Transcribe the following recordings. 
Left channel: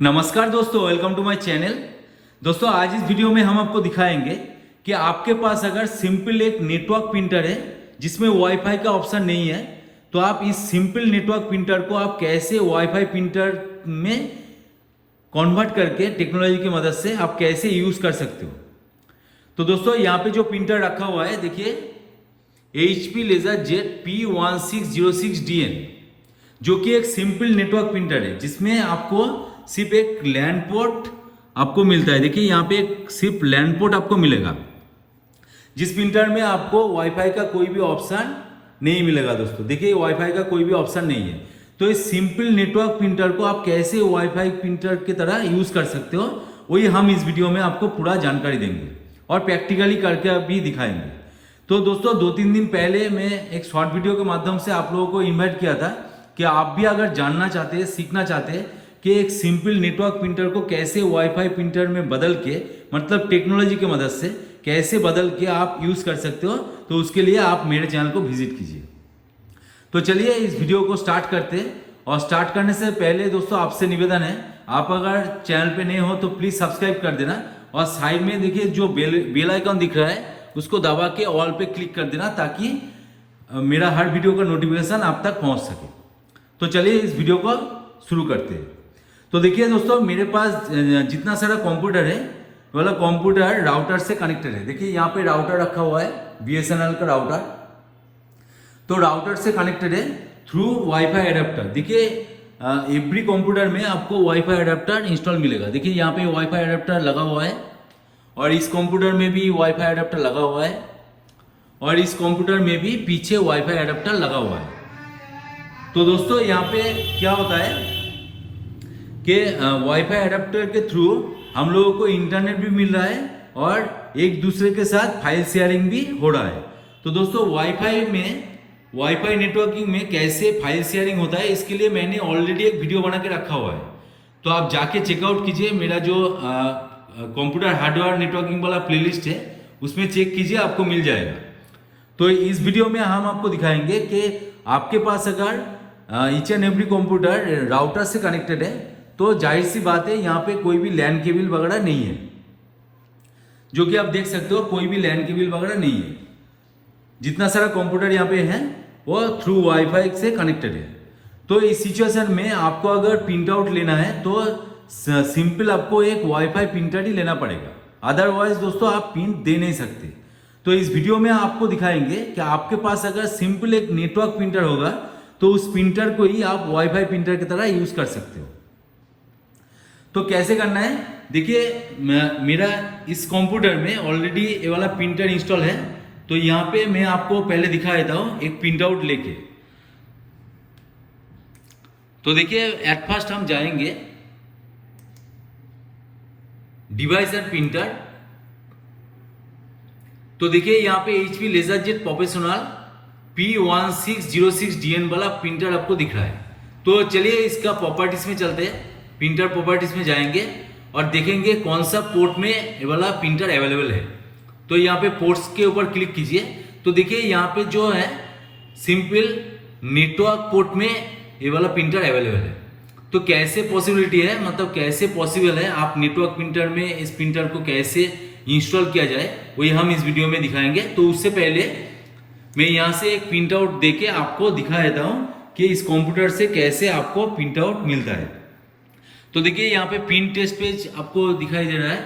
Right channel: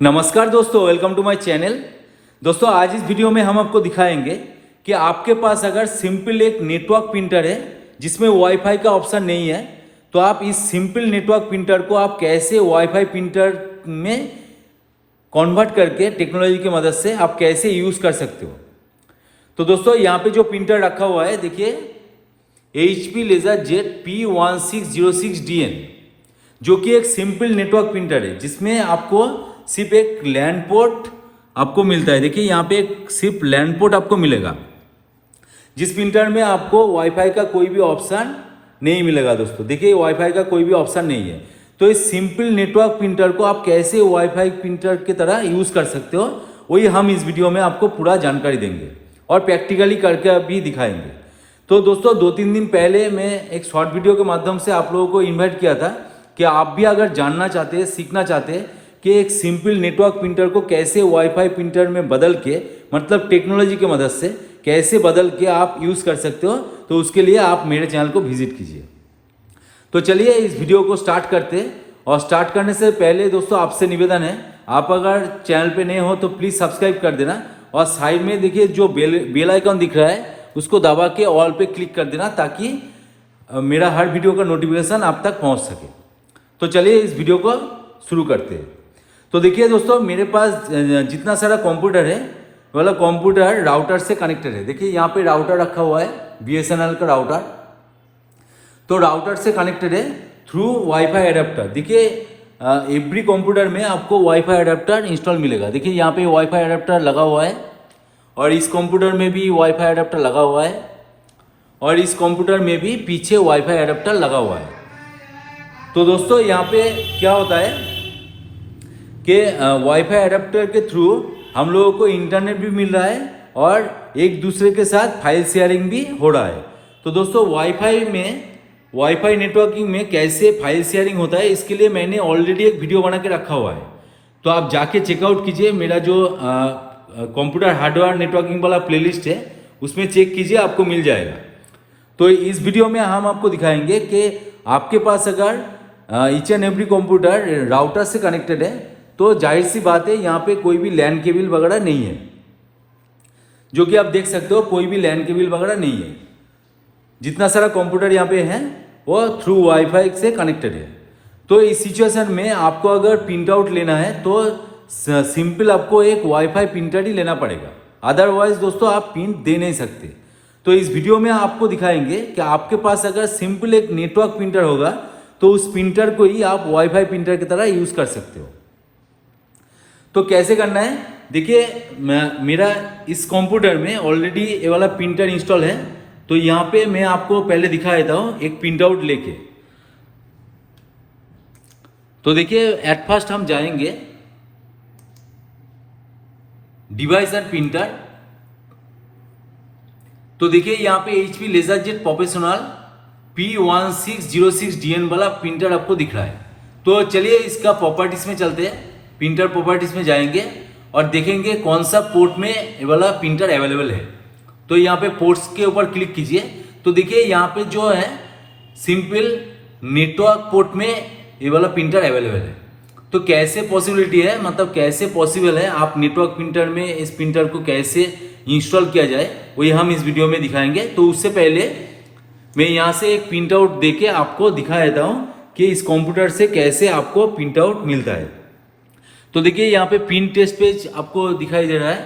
नमस्कार दोस्तों, welcome to my channel. दोस्तों आज इस वीडियो में हम आपको दिखाएंगे कि आपके पास अगर सिंपल एक नेटवर्क प्रिंटर है जिसमें वाईफाई का ऑप्शन नहीं है, तो आप इस सिंपल नेटवर्क प्रिंटर को आप कैसे वाईफाई प्रिंटर में कन्वर्ट करके टेक्नोलॉजी की मदद से आप कैसे यूज कर सकते हो। तो दोस्तों यहाँ पे जो प्रिंटर रखा हुआ है, देखिए HP LaserJet P1606DN, जो कि एक सिंपल नेटवर्क प्रिंटर है जिसमें आपको सिर्फ एक लैन पोर्ट आपको मिलता है। देखिए यहाँ पे एक सिर्फ लैन पोर्ट आपको मिलेगा। जिस प्रिंटर में आपको वाईफाई का कोई भी ऑप्शन नहीं मिलेगा। दोस्तों देखिए वाईफाई का कोई भी ऑप्शन नहीं है। तो इस सिंपल नेटवर्क प्रिंटर को आप कैसे वाईफाई प्रिंटर की तरह यूज कर सकते हो, वही हम इस वीडियो में आपको पूरा जानकारी देंगे और प्रैक्टिकली करके भी दिखाएंगे। तो दोस्तों 2-3 दिन पहले मैं एक शॉर्ट वीडियो के माध्यम से आप लोगों को इन्वाइट किया था कि आप भी अगर जानना चाहते हैं, सीखना चाहते हैं कि एक सिंपल नेटवर्क प्रिंटर को कैसे वाईफाई प्रिंटर में बदल के, मतलब टेक्नोलॉजी की मदद से कैसे बदल के आप यूज कर सकते हो, तो उसके लिए आप मेरे चैनल को विजिट कीजिए। तो चलिए इस वीडियो को स्टार्ट करते हैं। और स्टार्ट करने से पहले दोस्तों आपसे निवेदन है, आप अगर चैनल पे नए हो तो प्लीज सब्सक्राइब कर देना और साइड में देखिए जो बेल आइकन दिख रहा है उसको दबा के ऑल पे क्लिक कर देना, ताकि मेरा हर वीडियो का नोटिफिकेशन आप तक पहुंच सके। तो चलिए इस वीडियो को शुरू करते हैं। तो देखिए दोस्तों मेरे पास जितना सारा कंप्यूटर है, वाला कंप्यूटर राउटर से कनेक्टेड है। देखिए यहाँ पे राउटर रखा हुआ है, BSNL का राउटर। तो राउटर से कनेक्टेड है थ्रू वाईफाई एडेप्टर। देखिए एवरी कंप्यूटर में आपको वाईफाई एडेप्टर इंस्टॉल मिलेगा। देखिए यहाँ पे वाईफाई एडेप्टर लगा हुआ है और इस कंप्यूटर में भी वाईफाई एडेप्टर लगा हुआ है और इस कंप्यूटर में भी पीछे वाईफाई एडेप्टर लगा हुआ है। तो दोस्तों यहाँ पे क्या होता है कि वाईफाई एडेप्टर के थ्रू हम लोगों को इंटरनेट भी मिल रहा है और एक दूसरे के साथ फाइल शेयरिंग भी हो रहा है। तो दोस्तों वाईफाई नेटवर्किंग में कैसे फाइल शेयरिंग होता है, इसके लिए मैंने ऑलरेडी एक वीडियो बना के रखा हुआ है। तो आप जाके चेकआउट कीजिए, मेरा जो कंप्यूटर हार्डवेयर नेटवर्किंग वाला प्लेलिस्ट है उसमें चेक कीजिए, आपको मिल जाएगा। तो इस वीडियो में हम आपको दिखाएंगे कि आपके पास अगर each and every computer router से कनेक्टेड है तो जाहिर सी बात है यहाँ पे कोई भी लैन केबल वगैरह नहीं है, जो कि आप देख सकते हो कोई भी लैन केबल वगैरह नहीं है। जितना सारा कंप्यूटर यहाँ पे है वो थ्रू वाईफाई से कनेक्टेड है। तो इस सिचुएशन में आपको अगर प्रिंट आउट लेना है तो सिंपल आपको एक वाईफाई प्रिंटर ही लेना पड़ेगा, अदरवाइज दोस्तों आप प्रिंट दे नहीं सकते। तो इस वीडियो में आपको दिखाएंगे कि आपके पास अगर सिंपल एक नेटवर्क प्रिंटर होगा तो उस प्रिंटर को ही आप वाईफाई प्रिंटर की तरह यूज कर सकते हो। तो कैसे करना है, देखिए मेरा इस कंप्यूटर में ऑलरेडी ये वाला प्रिंटर इंस्टॉल है। तो यहाँ पे मैं आपको पहले दिखा देता हूँ एक प्रिंट आउट लेके। तो देखिए एट फर्स्ट हम जाएंगे डिवाइस एंड प्रिंटर। तो देखिए यहाँ पे HP LaserJet प्रोफेशनल P1606DN वाला प्रिंटर आपको दिख रहा है। तो चलिए इसका प्रॉपर्टीज में चलते हैं, प्रिंटर प्रॉपर्टीज में जाएंगे और देखेंगे कौन सा पोर्ट में ये वाला प्रिंटर अवेलेबल है। तो यहाँ पे पोर्ट्स के ऊपर क्लिक कीजिए। तो देखिए यहाँ पे जो है सिंपल नेटवर्क पोर्ट में ये वाला प्रिंटर अवेलेबल है। तो कैसे पॉसिबिलिटी है, मतलब कैसे पॉसिबल है आप नेटवर्क प्रिंटर में इस प्रिंटर को कैसे इंस्टॉल किया जाए, वही हम इस वीडियो में दिखाएंगे। तो उससे पहले मैं यहाँ से एक प्रिंट आउट देके आपको दिखा देता हूँ कि इस कंप्यूटर से कैसे आपको प्रिंट आउट मिलता है। तो देखिए यहाँ पे प्रिंट टेस्ट पेज आपको दिखाई दे रहा है।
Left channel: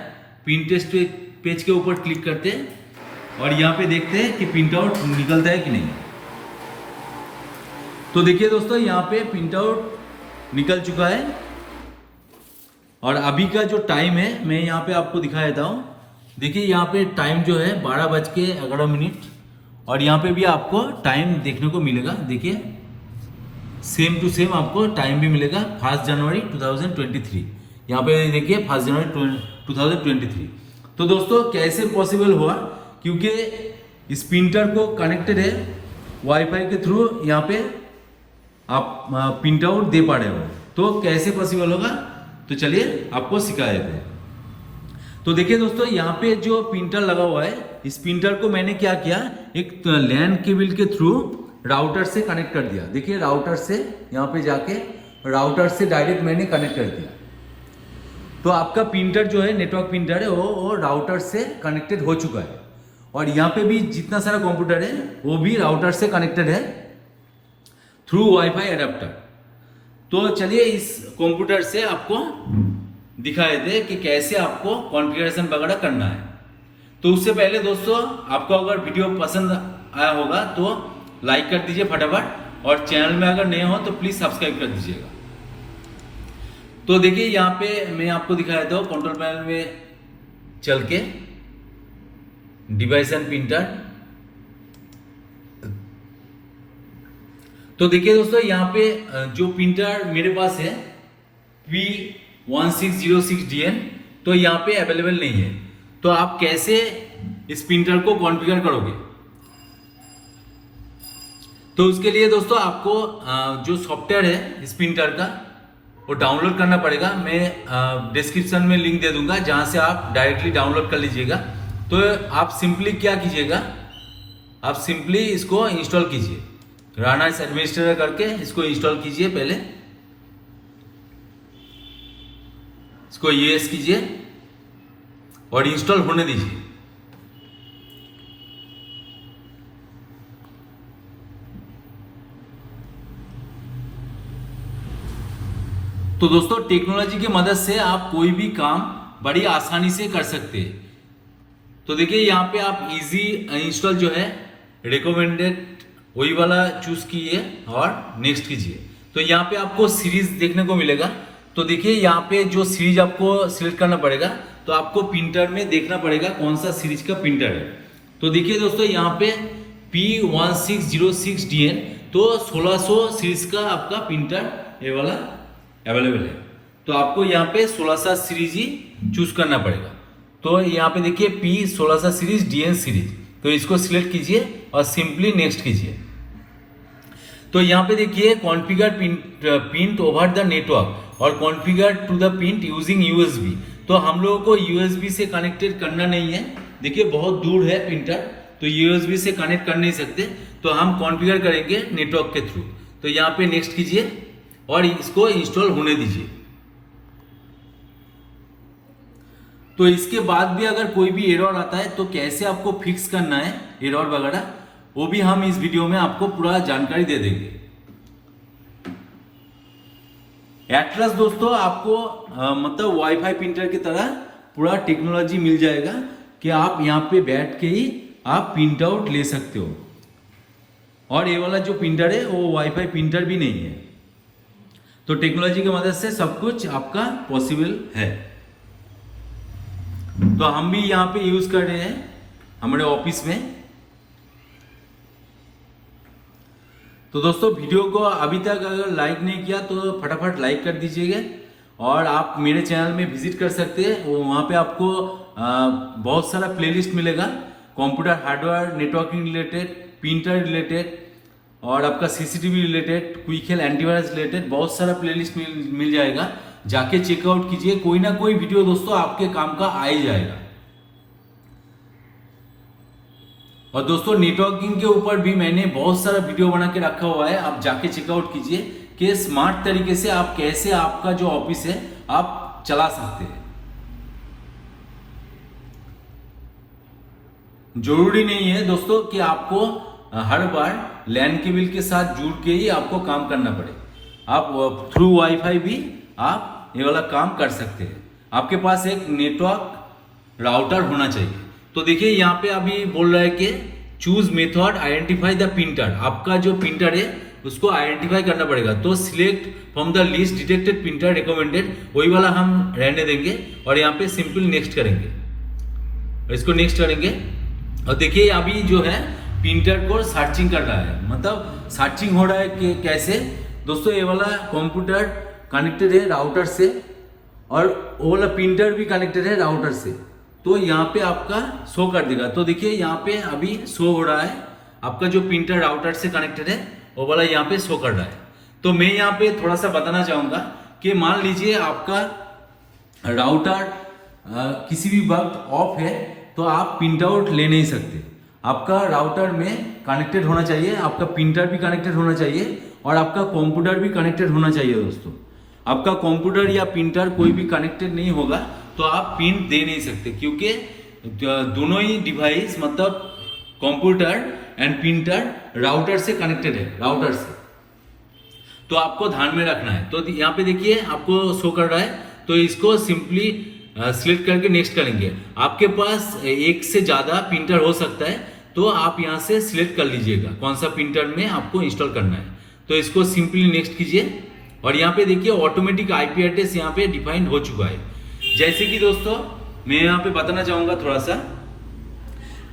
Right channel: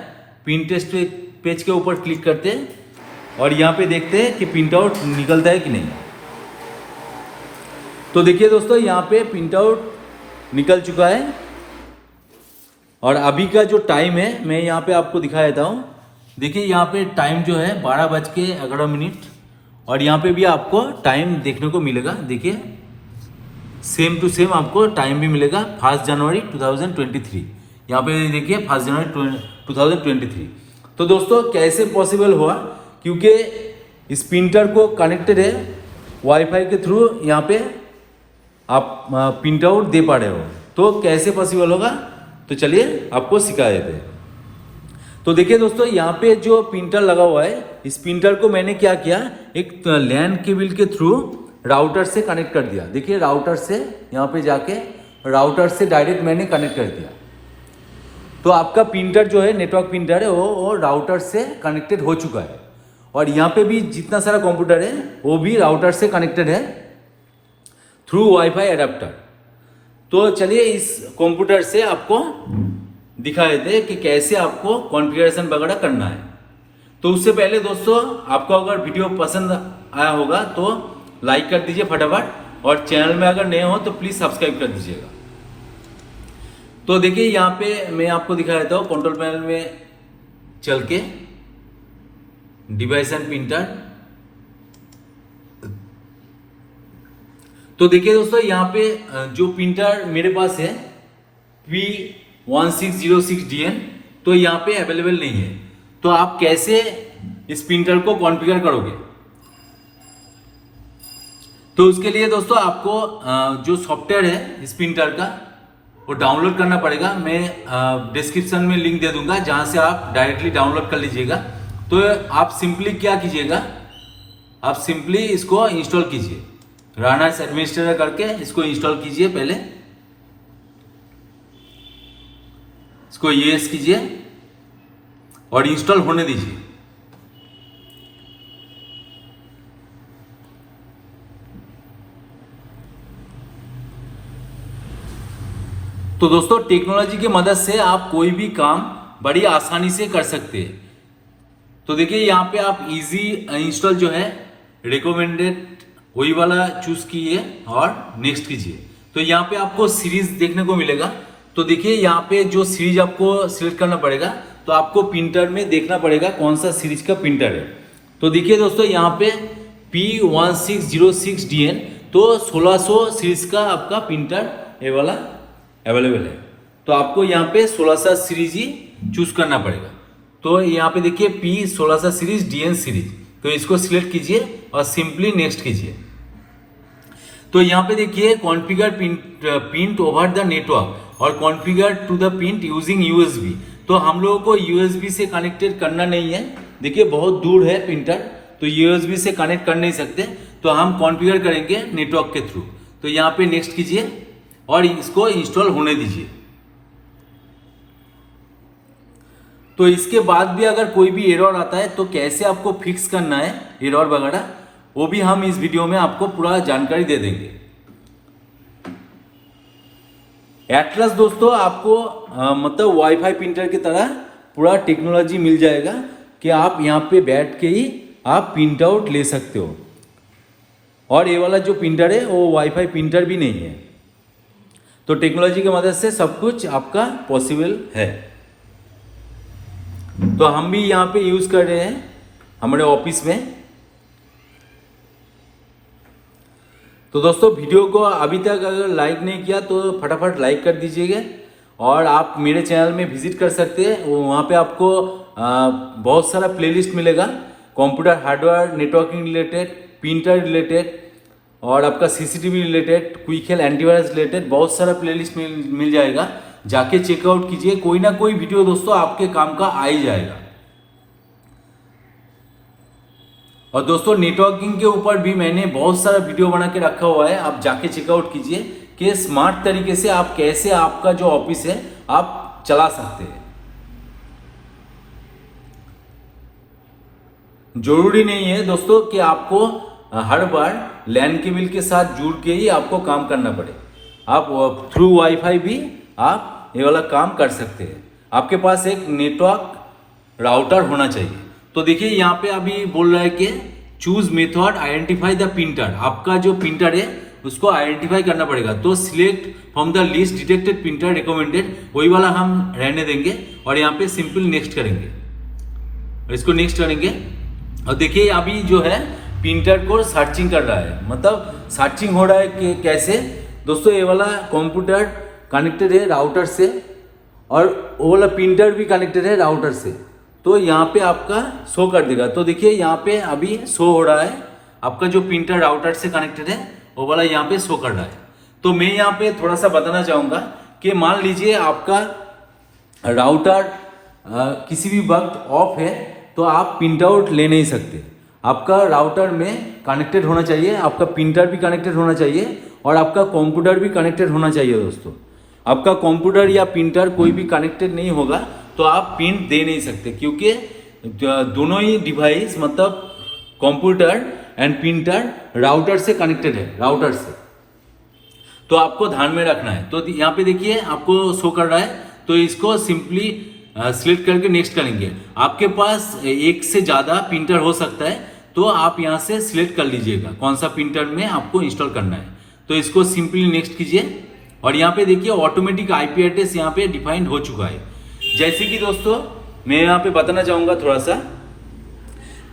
प्रिंट टेस्ट पेज के ऊपर क्लिक करते हैं और यहाँ पे देखते हैं कि प्रिंट आउट निकलता है कि नहीं। तो देखिए दोस्तों यहाँ पे प्रिंट आउट निकल चुका है और अभी का जो टाइम है मैं यहाँ पे आपको दिखा देता हूँ। देखिए यहाँ पे टाइम जो है 12:11 और यहाँ पे भी आपको टाइम देखने को मिलेगा। देखिए सेम टू सेम आपको टाइम भी मिलेगा 1 जनवरी 2023। यहाँ पे देखिए 1 जनवरी 2023। तो दोस्तों कैसे पॉसिबल हुआ, क्योंकि इस प्रिंटर को कनेक्टेड है वाईफाई के थ्रू, यहाँ पे आप प्रिंट आउट दे पा रहे हो। तो कैसे पॉसिबल होगा, तो चलिए आपको सिखा देते हैं। तो देखिए दोस्तों यहाँ पे जो प्रिंटर लगा हुआ है, इस प्रिंटर को मैंने क्या किया, एक लैन केबल के थ्रू राउटर से कनेक्ट कर दिया। देखिए राउटर से यहाँ पे जाके राउटर से डायरेक्ट मैंने कनेक्ट कर दिया। तो आपका प्रिंटर जो है, नेटवर्क प्रिंटर है, वो राउटर से कनेक्टेड हो चुका है। और यहाँ पे भी जितना सारा कंप्यूटर है वो भी राउटर से कनेक्टेड है थ्रू वाईफाई एडाप्टर। तो चलिए इस कंप्यूटर से आपको दिखाई दे कि कैसे आपको कॉन्फ़िगरेशन वगैरह करना है। तो उससे पहले दोस्तों, आपको अगर वीडियो पसंद आया होगा तो लाइक कर दीजिए फटाफट, और चैनल में अगर नए हो तो प्लीज सब्सक्राइब कर दीजिएगा। तो देखिए यहाँ पे मैं आपको दिखा देता हूँ कंट्रोल पैनल में चल के डिवाइस एंड प्रिंटर। तो देखिए दोस्तों, यहाँ पे जो प्रिंटर मेरे पास है P1606DN, तो यहाँ पे अवेलेबल नहीं है। तो आप कैसे इस प्रिंटर को कॉन्फ़िगर करोगे? तो उसके लिए दोस्तों आपको जो सॉफ्टवेयर है इस प्रिंटर का वो डाउनलोड करना पड़ेगा। मैं डिस्क्रिप्शन में लिंक दे दूंगा जहां से आप डायरेक्टली डाउनलोड कर लीजिएगा। तो आप सिंपली क्या कीजिएगा, आप सिंपली इसको इंस्टॉल कीजिए, राना एडमिनिस्ट्रेटर करके इसको इंस्टॉल कीजिए। पहले इसको यस कीजिए और इंस्टॉल होने दीजिए। तो दोस्तों, टेक्नोलॉजी की मदद से आप कोई भी काम बड़ी आसानी से कर सकते हैं। तो देखिए यहाँ पे आप इजी इंस्टॉल जो है रिकमेंडेड वही वाला चूज कीजिए और नेक्स्ट कीजिए। तो यहाँ पे आपको सीरीज देखने को मिलेगा। तो देखिए यहाँ पे जो सीरीज आपको सिलेक्ट करना पड़ेगा, तो आपको प्रिंटर में देखना पड़ेगा कौन सा सीरीज का प्रिंटर है। तो देखिए दोस्तों, यहाँ पे P1606DN, तो 1600 सीरीज का आपका प्रिंटर ये वाला अवेलेबल है। तो आपको यहाँ पे 1600 सीरीज ही चूज करना पड़ेगा। तो यहाँ पे देखिए P1600 सीरीज DN सीरीज, तो इसको सिलेक्ट कीजिए और सिंपली नेक्स्ट कीजिए। तो यहाँ पे देखिए configure print over the network और configure to the print using USB। तो हम लोगों को USB से कनेक्टेड करना नहीं है। देखिए बहुत दूर है प्रिंटर, तो USB से कनेक्ट कर नहीं सकते, तो हम कॉन्फ़िगर करेंगे नेटवर्क के थ्रू। तो यहाँ पे नेक्स्ट कीजिए और इसको इंस्टॉल होने दीजिए। तो इसके बाद भी अगर कोई भी एरर आता है तो कैसे आपको फिक्स करना है एरर वगैरह, वो भी हम इस वीडियो में आपको पूरा जानकारी दे देंगे। एटलस दोस्तों आपको मतलब वाईफाई प्रिंटर की तरह पूरा टेक्नोलॉजी मिल जाएगा कि आप यहाँ पे बैठ के ही आप प्रिंट आउट ले सकते हो। और ये वाला जो प्रिंटर है वो वाईफाई प्रिंटर भी नहीं है। तो टेक्नोलॉजी की मदद से सब कुछ आपका पॉसिबल है। तो हम भी यहाँ पे यूज कर रहे हैं हमारे ऑफिस में। तो दोस्तों, वीडियो को अभी तक अगर लाइक नहीं किया तो फटाफट लाइक कर दीजिएगा। और आप मेरे चैनल में विजिट कर सकते हैं, वहाँ पे आपको बहुत सारा प्लेलिस्ट मिलेगा, computer hardware networking related, printer related और आपका CCTV related, quick health antivirus related बहुत सारा प्लेलिस्ट मिल जाएगा। जाके चेकआउट कीजिए, कोई ना कोई वीडियो दोस्तों आपके काम का आ ही जाएगा। और दोस्तों, नेटवर्किंग के ऊपर भी मैंने बहुत सारा वीडियो बना के रखा हुआ है, आप जाके चेकआउट कीजिए कि स्मार्ट तरीके से आप कैसे आपका जो ऑफिस है आप चला सकते हैं। जरूरी नहीं है दोस्तों कि आपको हर बार लैन केबल के साथ जुड़ के ही आपको काम करना पड़े। आप थ्रू वाईफाई भी आप ये वाला काम कर सकते हैं। आपके पास एक नेटवर्क राउटर होना चाहिए। तो देखिए यहाँ पे अभी बोल रहा है कि choose method identify the printer. आपका जो प्रिंटर है उसको आइडेंटिफाई करना पड़ेगा। तो select from the list detected printer recommended, वही वाला हम रहने देंगे और यहाँ पे सिंपल नेक्स्ट करेंगे, इसको नेक्स्ट करेंगे। और देखिए अभी जो है प्रिंटर को सर्चिंग कर रहा है, मतलब सर्चिंग हो रहा है कि कैसे दोस्तों, ये वाला कंप्यूटर कनेक्टेड है राउटर से और वो वाला प्रिंटर भी कनेक्टेड है राउटर से। तो यहाँ पे आपका शो कर देगा। तो देखिए यहाँ पे अभी शो हो रहा है आपका जो प्रिंटर राउटर से कनेक्टेड है वो वाला यहाँ पे शो कर रहा है। तो मैं यहाँ पे थोड़ा सा बताना चाहूंगा कि मान लीजिए आपका राउटर किसी भी वक्त ऑफ है तो आप प्रिंट आउट ले नहीं सकते। आपका राउटर में कनेक्टेड होना चाहिए, आपका प्रिंटर भी कनेक्टेड होना चाहिए और आपका कंप्यूटर भी कनेक्टेड होना चाहिए दोस्तों। आपका कंप्यूटर या प्रिंटर कोई भी कनेक्टेड नहीं होगा तो आप प्रिंट दे नहीं सकते, क्योंकि दोनों ही डिवाइस मतलब कंप्यूटर एंड प्रिंटर राउटर से कनेक्टेड है, राउटर से। तो आपको ध्यान में रखना है। तो यहाँ पे देखिए आपको शो कर रहा है, तो इसको सिंपली सिलेक्ट करके नेक्स्ट करेंगे। आपके पास एक से ज़्यादा प्रिंटर हो सकता है, तो आप यहाँ से सिलेक्ट कर लीजिएगा कौन सा प्रिंटर में आपको इंस्टॉल करना है। तो इसको सिंपली नेक्स्ट कीजिए और यहाँ पे देखिए ऑटोमेटिक आईपी एड्रेस यहाँ पे डिफाइंड हो चुका है। जैसे कि दोस्तों मैं यहाँ पे बताना चाहूँगा थोड़ा सा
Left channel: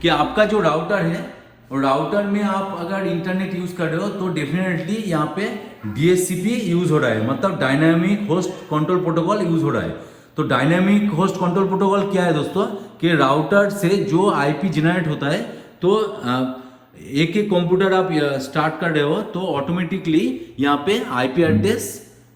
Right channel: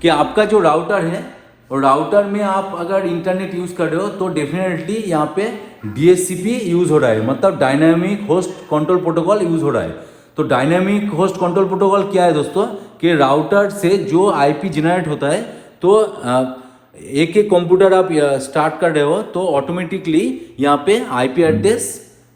कि आपका जो राउटर है, और राउटर में आप अगर इंटरनेट यूज कर रहे हो तो डेफिनेटली यहाँ पे DHCP यूज हो रहा है, मतलब dynamic host control protocol use हो रहा है। तो डायनामिक होस्ट कंट्रोल प्रोटोकॉल क्या है दोस्तों, कि राउटर से जो आईपी जनरेट होता है, तो एक एक कंप्यूटर आप स्टार्ट कर रहे हो तो ऑटोमेटिकली यहाँ पे आईपी एड्रेस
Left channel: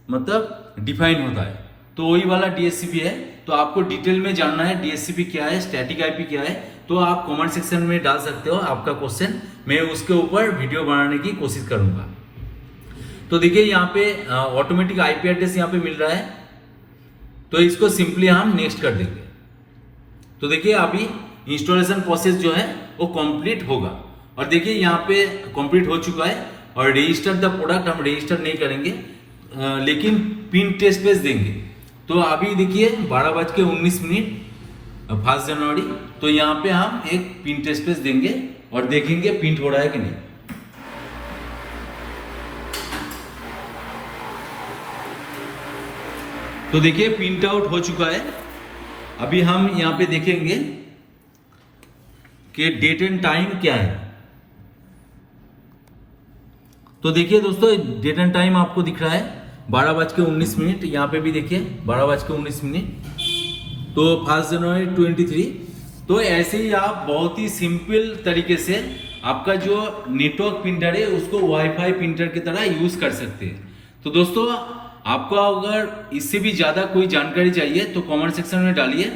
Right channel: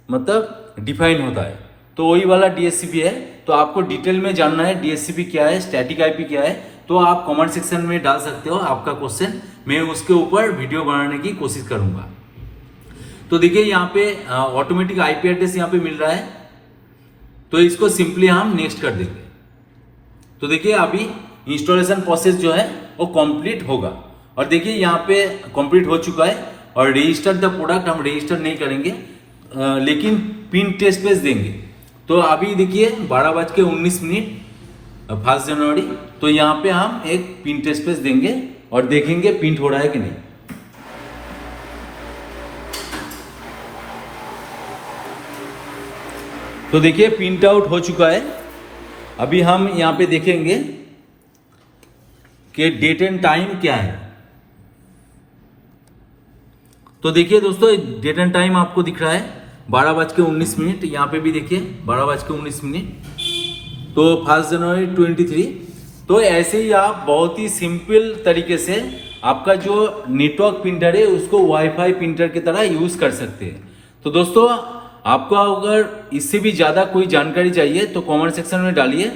मतलब डिफाइन होता है। तो वही वाला DHCP है। तो आपको डिटेल में जानना है DHCP क्या है, स्टैटिक आईपी क्या है, तो आप कमेंट सेक्शन में डाल सकते हो आपका क्वेश्चन, मैं उसके ऊपर वीडियो बनाने की कोशिश करूंगा। तो देखिए यहाँ पे ऑटोमेटिक आईपी एड्रेस यहाँ पे मिल रहा है, तो इसको सिंपली हम नेक्स्ट कर देंगे। तो देखिए अभी इंस्टॉलेशन प्रोसेस जो है वो कंप्लीट होगा, और देखिए यहाँ पे कंप्लीट हो चुका है। और रजिस्टर द प्रोडक्ट हम रजिस्टर नहीं करेंगे, लेकिन पिन टेस्ट पेज देंगे। तो अभी देखिए 12:19 1 जनवरी, तो यहाँ पे हम एक पिन टेस्ट पेज देंगे और देखेंगे प्रिंट हो रहा है कि नहीं। तो देखिए प्रिंट आउट हो चुका है। अभी हम यहाँ पे देखेंगे कि डेट एंड टाइम क्या है। तो देखिए दोस्तों डेट एंड टाइम आपको दिख रहा है 12:19, यहाँ पे भी देखिए 12:19, तो 1 जनवरी 23। तो ऐसे ही आप बहुत ही सिंपल तरीके से आपका जो नेटवर्क प्रिंटर है उसको वाईफाई प्रिंटर की तरह यूज कर सकते हैं। तो दोस्तों आपको अगर इससे भी ज़्यादा कोई जानकारी चाहिए तो कमेंट सेक्शन में डालिए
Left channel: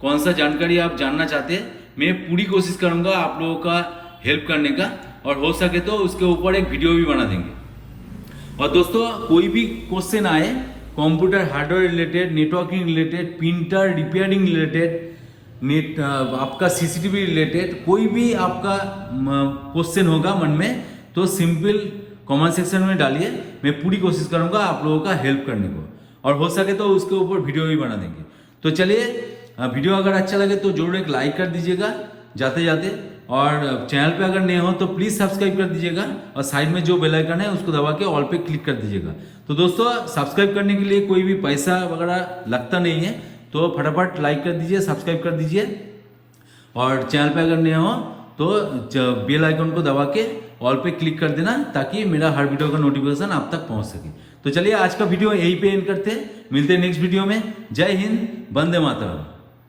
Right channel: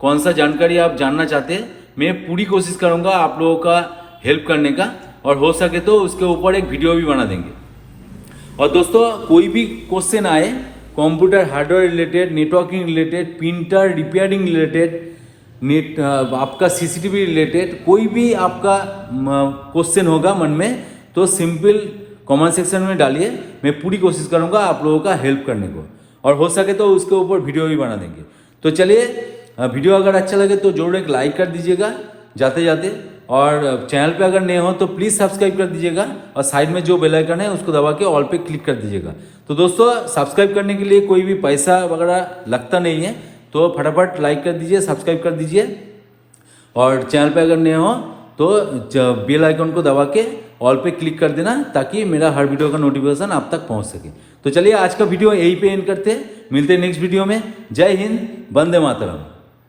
कौन सा जानकारी आप जानना चाहते हैं। मैं पूरी कोशिश करूंगा आप लोगों का हेल्प करने का, और हो सके तो उसके ऊपर एक वीडियो भी बना देंगे। और दोस्तों कोई भी क्वेश्चन आए computer hardware related, networking related, printer repairing related, net आपका CCTV रिलेटेड, कोई भी आपका क्वेश्चन होगा मन में तो सिंपल कमेंट सेक्शन में डालिए, मैं पूरी कोशिश करूंगा आप लोगों का हेल्प करने को, और हो सके तो उसके ऊपर वीडियो भी बना देंगे। तो चलिए वीडियो अगर अच्छा लगे तो जरूर एक लाइक कर दीजिएगा जाते जाते, और चैनल पे अगर नए हो तो प्लीज़ सब्सक्राइब कर दीजिएगा, और साइड में जो बेल आइकन है उसको दबा के ऑल पे क्लिक कर दीजिएगा। तो दोस्तों सब्सक्राइब करने के लिए कोई भी पैसा वगैरह लगता नहीं है, तो फटाफट लाइक कर दीजिए, सब्सक्राइब कर दीजिए, और चैनल पे अगर नए हो तो बेल आइकन को दबा के ऑल पे क्लिक कर देना, ताकि मेरा हर वीडियो का नोटिफिकेशन आप तक पहुंच सके। तो चलिए आज का वीडियो यहीं पे एंड करते हैं, मिलते हैं नेक्स्ट वीडियो में। जय हिंद, वंदे मातरम।